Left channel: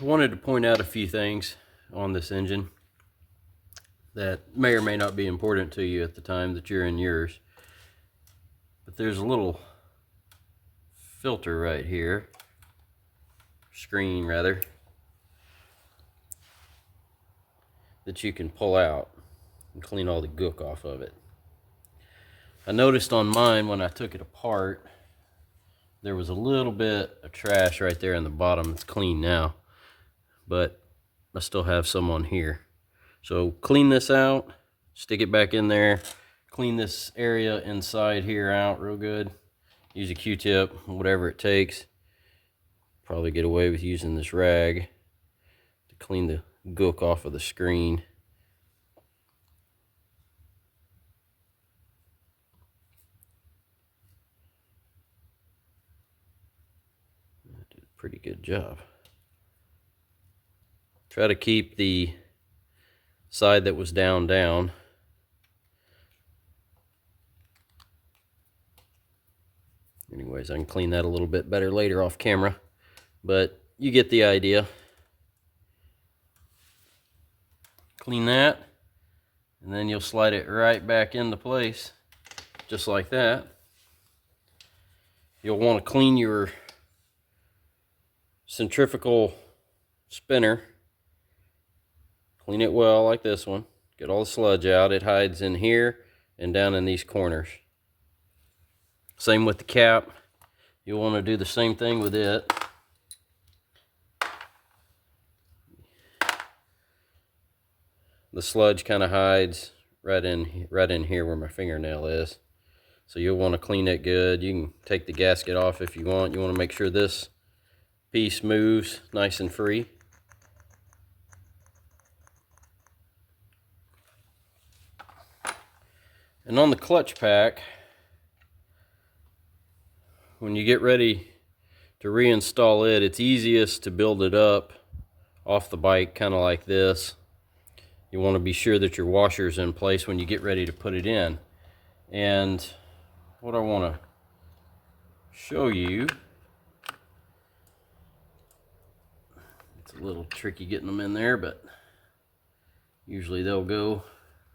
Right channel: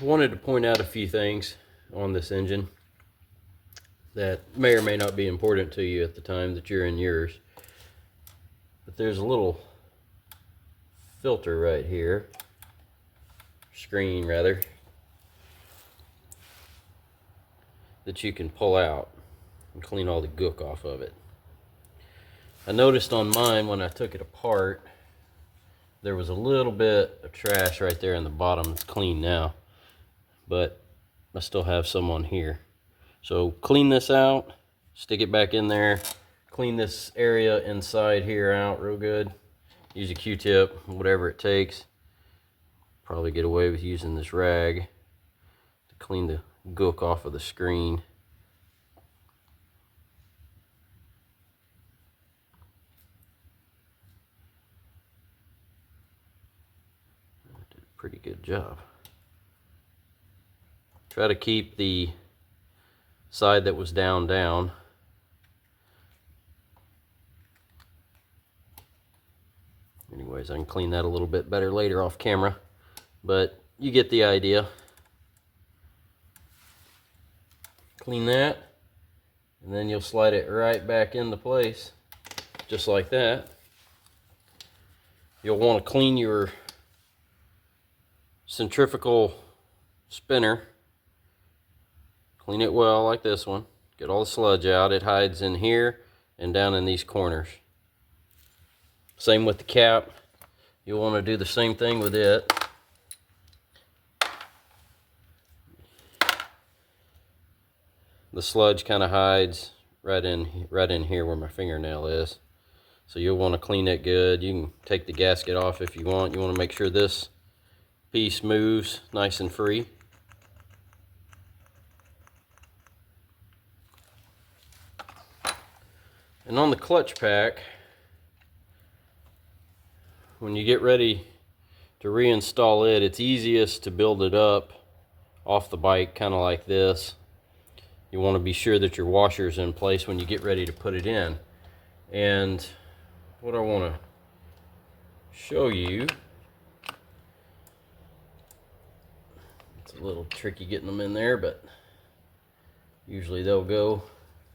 wanted to point out a few things on this engine that may or may not be important to you at the time that you're in yours. But there's a little filter right here, screen rather, that you can pull out and clean all the gook off of it. I noticed on mine when I took it apart, there was a little bit of trash right there in the bottom. It's clean now, but I still have some on here. So clean this out, stick it back in there, clean this area inside here out real good. Use a Q-tip, whatever it takes. Probably get away with using this rag to clean the gook off of the screen. Did a pretty good job. Try to keep the side that was down. Anyways, I can clean that a little bit better later off camera, but you get the idea. Clean that, and then you'll slide it right back into place, just like that. You'll want to clean your centrifugal spinner. Clean it well like this one. Get all the sludge out. It hides in here and down in these corners. Same with the cap. You'll want to do the same thing with it. The sludge kind of hides right in here where my fingernail is. So you'll want to clean it good. You can take the gasket off if you want. You want to make sure this piece moves nice and free. And on the clutch pack, when you get ready to reinstall it, it's easiest to build it up off the bike, kind of like this. You want to be sure that your washer's in place when you get ready to put it in. And what I want to show you, it's a little tricky getting them in there, but usually they'll go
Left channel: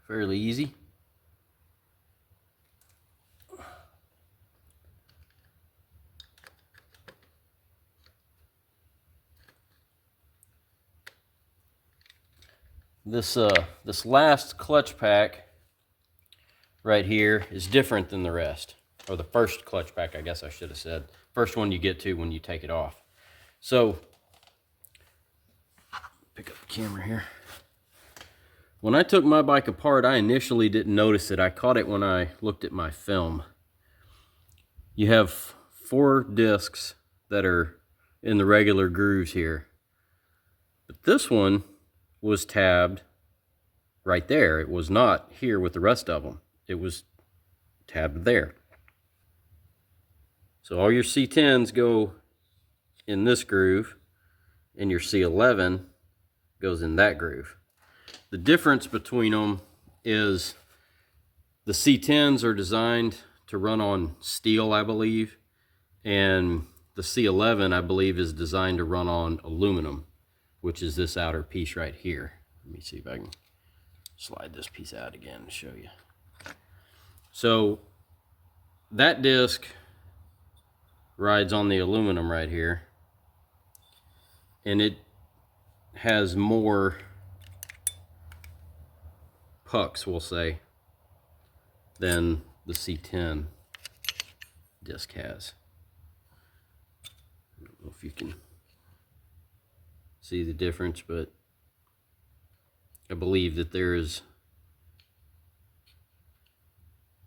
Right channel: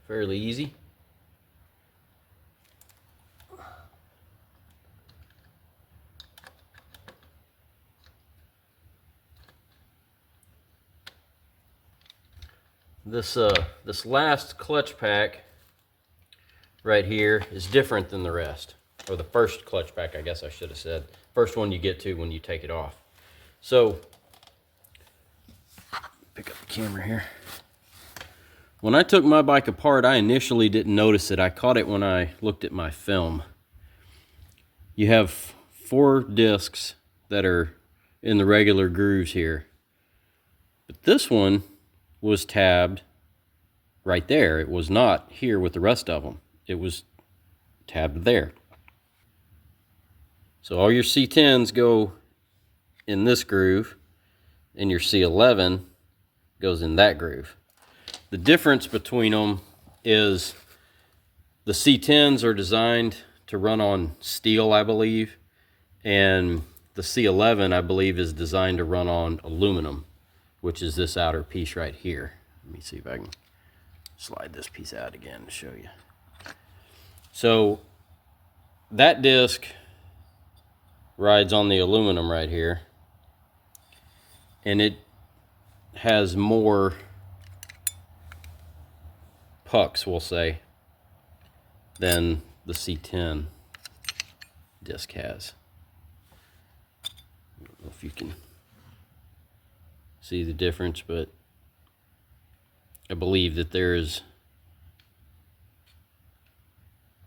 fairly easy. This last clutch pack right here is different than the rest, or the first clutch pack, I guess I should have said. First one you get to when you take it off. So, pick up the camera here. When I took my bike apart, I initially didn't notice it. I caught it when I looked at my film. You have 4 discs that are in the regular grooves here, but this one was tabbed right there. It was not here with the rest of them. It was tabbed there. So all your C10s go in this groove, and your C11 goes in that groove. The difference between them is the C10s are designed to run on steel, I believe, and the C11, I believe, is designed to run on aluminum, which is this outer piece right here. Let me see if I can slide this piece out again to show you. So that disc rides on the aluminum right here, and it has more pucks, we'll say, than the C10 disc has. I don't know if you can see the difference, but I believe that there is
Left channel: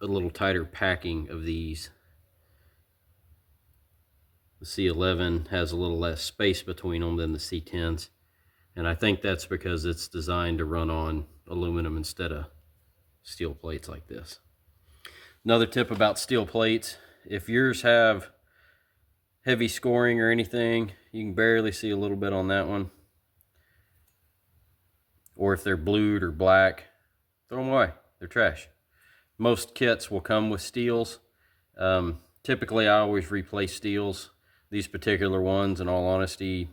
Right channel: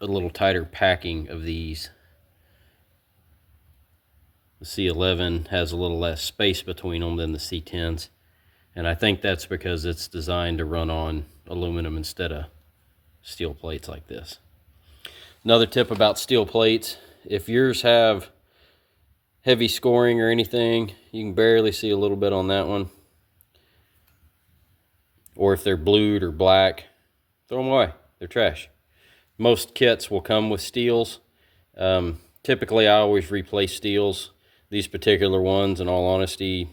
a little tighter packing of these. The C11 has a little less space between them than the C10s, and I think that's because it's designed to run on aluminum instead of steel plates like this. Another tip about steel plates, if yours have heavy scoring or anything, you can barely see a little bit on that one. Or if they're blued or black, throw them away. They're trash. Most kits will come with steels. Typically, I always replace steels. These particular ones, in all honesty,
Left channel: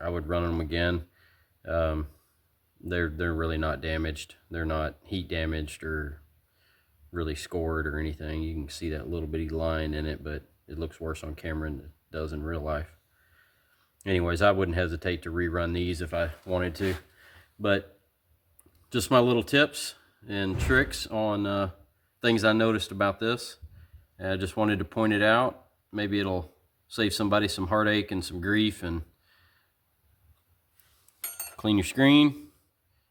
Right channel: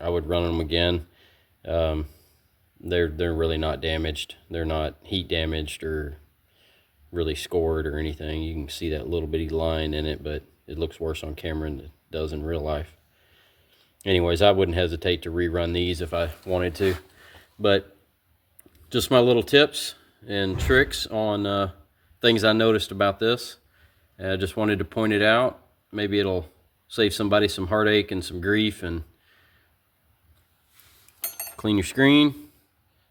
I would run them again. They're really not damaged. They're not heat damaged or really scored or anything. You can see that little bitty line in it, but it looks worse on camera than it does in real life. Anyways, I wouldn't hesitate to rerun these if I wanted to. But just my little tips and tricks on things I noticed about this. I just wanted to point it out. Maybe it'll save somebody some heartache and some grief. And clean your screen,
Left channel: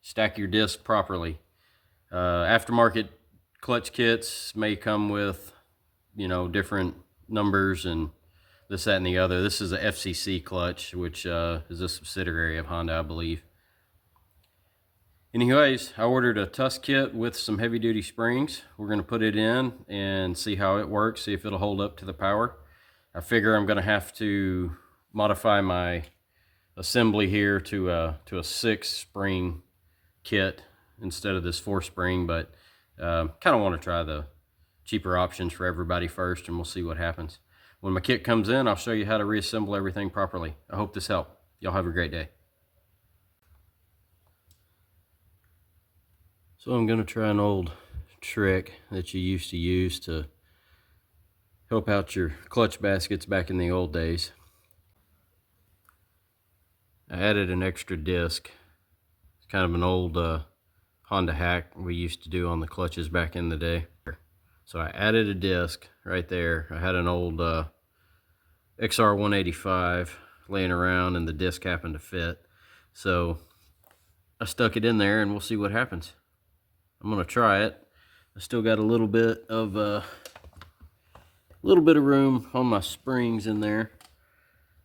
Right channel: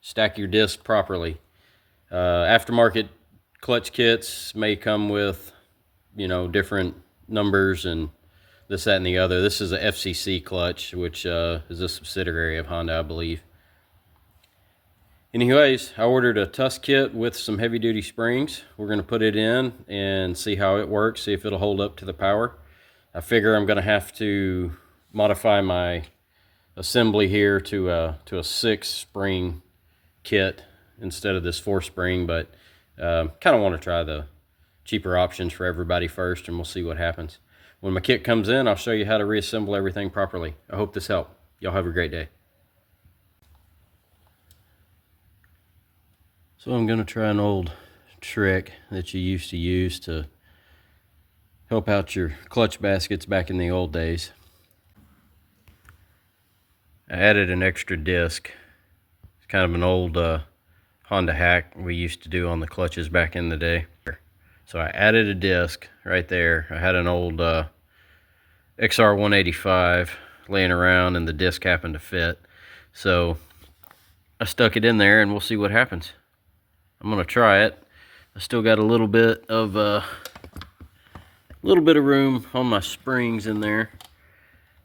stack your disc properly. Aftermarket clutch kits may come with, you know, different numbers and this, that, and the other. This is a FCC clutch, which is a subsidiary of Honda, I believe. Anyways, I ordered a Tusk kit with some heavy-duty springs. We're going to put it in and see how it works, see if it'll hold up to the power. I figure I'm going to have to modify my assembly here to a 6-spring kit instead of this 4-spring, but kind of want to try the cheaper options for everybody first, and we'll see what happens. When my kit comes in, I'll show you how to reassemble everything properly. I hope this helped. Y'all have a great day. So I'm going to try an old trick that you used to use to help out your clutch baskets back in the old days. I added an extra disc. It's kind of an old Honda hack we used to do on the clutches back in the day. So I added a disc right there. I had an old XR150L laying around and the disc happened to fit. So I stuck it in there and we'll see what happens. I'm gonna try it. I still got a little bit of room on my springs in there.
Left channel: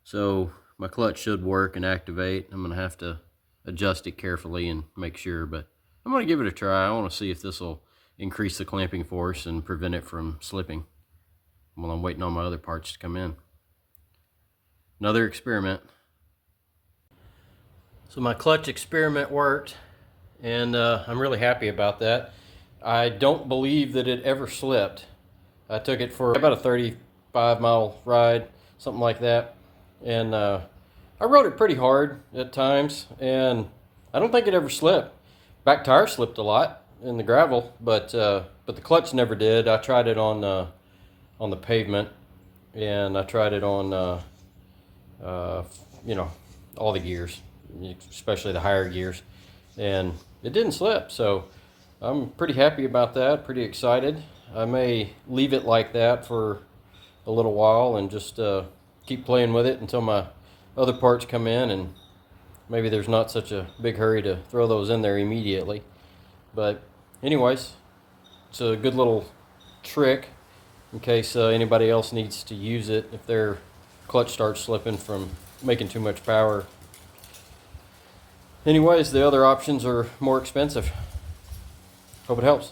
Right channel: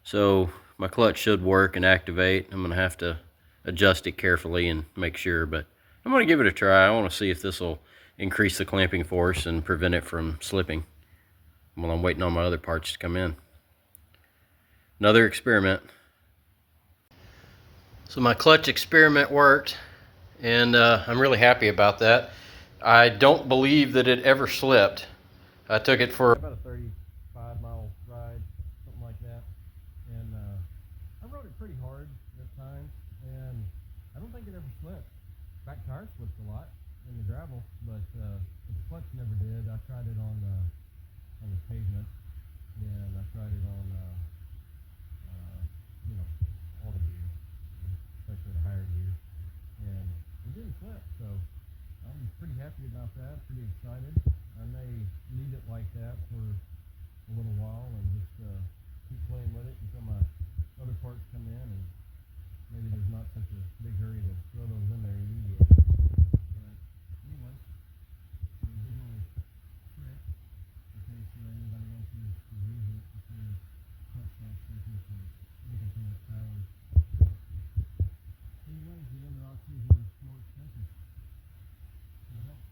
So my clutch should work and activate. I'm gonna have to adjust it carefully and make sure, but I'm gonna give it a try. I wanna see if this will increase the clamping force and prevent it from slipping while I'm waiting on my other parts to come in. Another experiment. So my clutch experiment worked, and I'm really happy about that. I don't believe that it ever slipped. I took it for about a 35-mile ride, something like that, and I rode it pretty hard at times, and I don't think it ever slipped. Back tire slipped a lot in the gravel, but the clutch never did. I tried it on the pavement, and I tried it on you know, all the gears, especially the higher gears, and it didn't slip. So I'm pretty happy about that, pretty excited. I may leave it like that for a little while and just keep playing with it until my other parts come in, and maybe there's not such a big hurry to throw those in there immediately. But anyways, it's a good little trick in case anybody else needs to use it if their clutch starts slipping from making too much power. Anyways, the other options are more expensive. Hope it helps.